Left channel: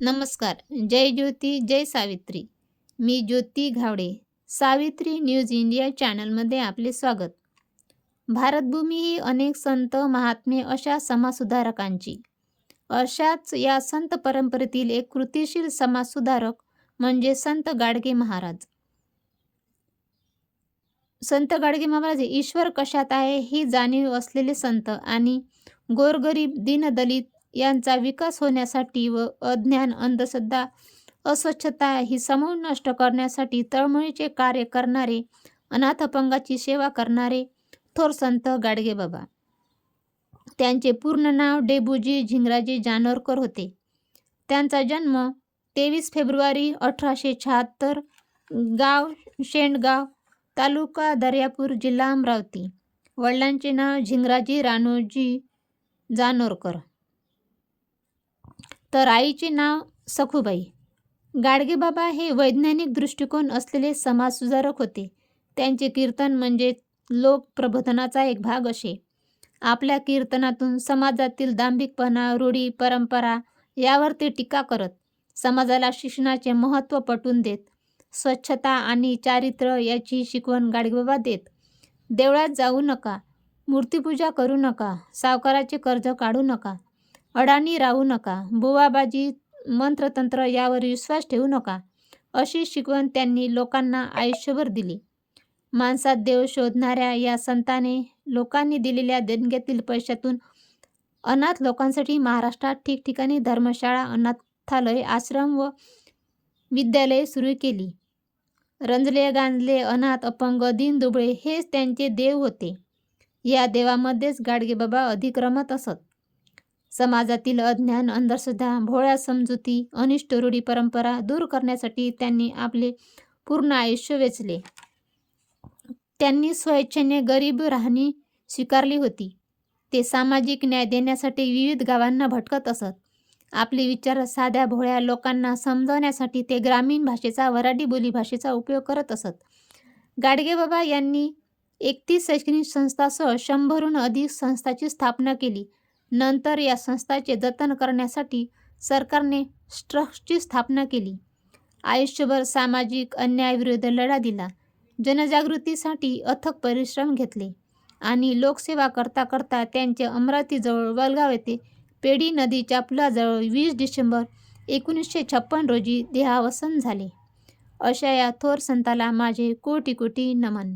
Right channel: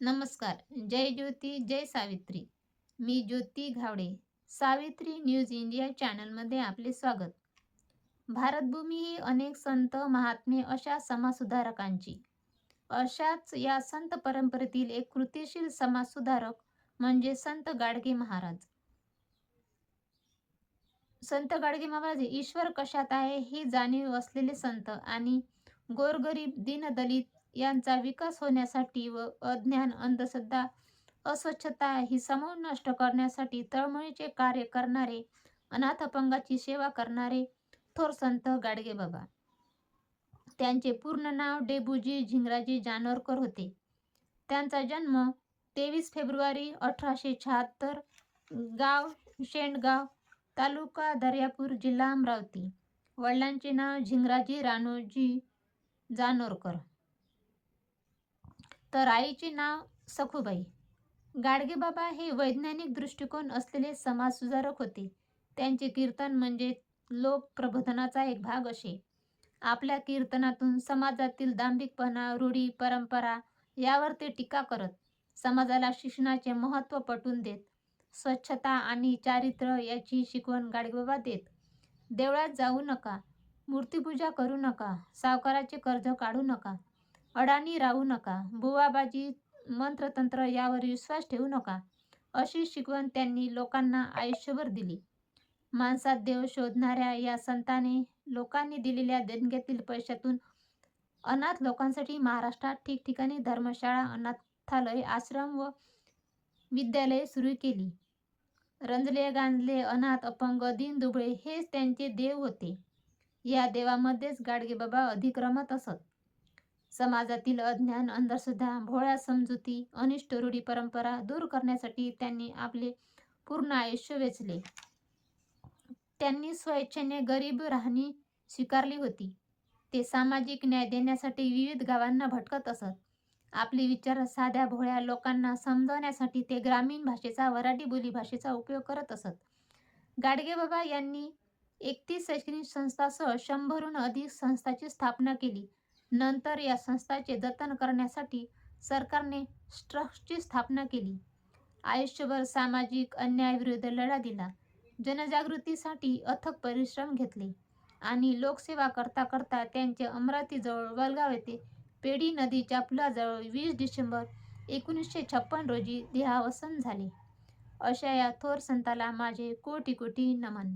नमस्कार. जय ज्योती, जय सावित्री. मी ज्योती घावडे. Savitri news India चॅनलमध्ये आपले स्वागत. भारतभूमी ही अनेक संत, महात्मे अशा समाजसुधारकांची. अशाच या संत परंपरेतील एक कृतिशील समाजसुधारक म्हणजे संत गाडगे महाराज. संत गाडगे महाराज हे ईश्वर कशात आहे ही जाणीव असलेले संत आणि गोरगरीब, दीनदलित यांचा विकास होण्यासाठी व अज्ञान, अंधश्रद्धा, अस्वच्छता ही समूळ नष्ट करण्यासाठी तळमळीचे कार्य करणारे, अनाथ अपंगाची सेवा करणारे थोर संत गाडगेबाबा. त्यांचे पूर्ण नाव डेबूजी झिंगराजे जानोरकर होते. त्यांचा जन्म 23 फेब्रुवारी 1876, गाव शेंडगाव, तालुका दर्यापूर, जिल्हा अमरावती. वडिलांचे नाव झिंगराजी राणोजी जानोरकर, तर आईचे नाव सखुबाई. गाडगेबाबा हे वैज्ञानिक दृष्टिकोन असलेले समाजसुधारक होते. त्यांचे कीर्तन म्हणजे लोक प्रबोधनाचा एक भाग असे. आपल्या कीर्तनातून समाजातील दांभिकपणा, रूढी, परंपरा यावर ते टीका करत, समाजाला शिक्षणाचे महत्त्व पटवून देत, स्वच्छता आणि चारित्र्य याची शिकवण गाडगेबाबा देत. देवळात जाऊ नका, मूर्तिपूजा करू नका, सावकाराचे कर्ज काढू नका, अडाणी राहू नका, बुवाबाजी, मंत्रतंत्र यावर विश्वास ठेवू नका, अशी शिकवण त्यांनी लोकांना आयुष्यभर दिली. माणसात देव शोधणाऱ्या या संताने लोकांनी दिलेल्या देणग्यातील पैशातून अनाथ लोकांसाठी महाराष्ट्रात ठिकठिकाणी धर्मशाळा, अनाथालय, आश्रम व विद्यालये सुरू केली. रंजले गांजले अनाथ अपंग दीनदुबळे हेच त्यांचे देव होते. या देवामध्येच गाडगेबाबा अधिक रमत असत. समाजातील अज्ञान, अंधश्रद्धा, भोळ्या समजुती, अनिष्ट रूढी परंपरा दूर करण्यासाठी त्यांनी आपले पूर्ण आयुष्य वेचले. त्यांनी स्वेच्छेने गरीब राहणी स्वीकारली होती. ते सामाजिक न्याय देण्यासाठी विविध गावांना भटकत असत. आपले विचार साध्या भोळ्या लोकांना समजवण्यासाठी ते ग्रामीण भाषेचा, वऱ्हाडी बोलीभाषेचा उपयोग करत असत. गाडगेबाबा यांनी 31 शैक्षणिक संस्थांसह 100हून अधिक संस्थांची स्थापना केली. नंतर या संस्थांचे जतन करण्यासाठी सरकारने ट्रस्टची स्थापना केली. आयुष्यभर सामाजिक अन्यायाविरुद्ध लढा दिला. जनजागृतीसाठी अथक परिश्रम घेतले आणि लोकसेवा करता करता त्यांचे अमरावतीजवळ वलगाव येथे पेडी नदीच्या पुलाजवळ 20 डिसेंबर 1956 रोजी देहावसान झाले. अशा या थोर संताला माझे कोटी कोटी नमन.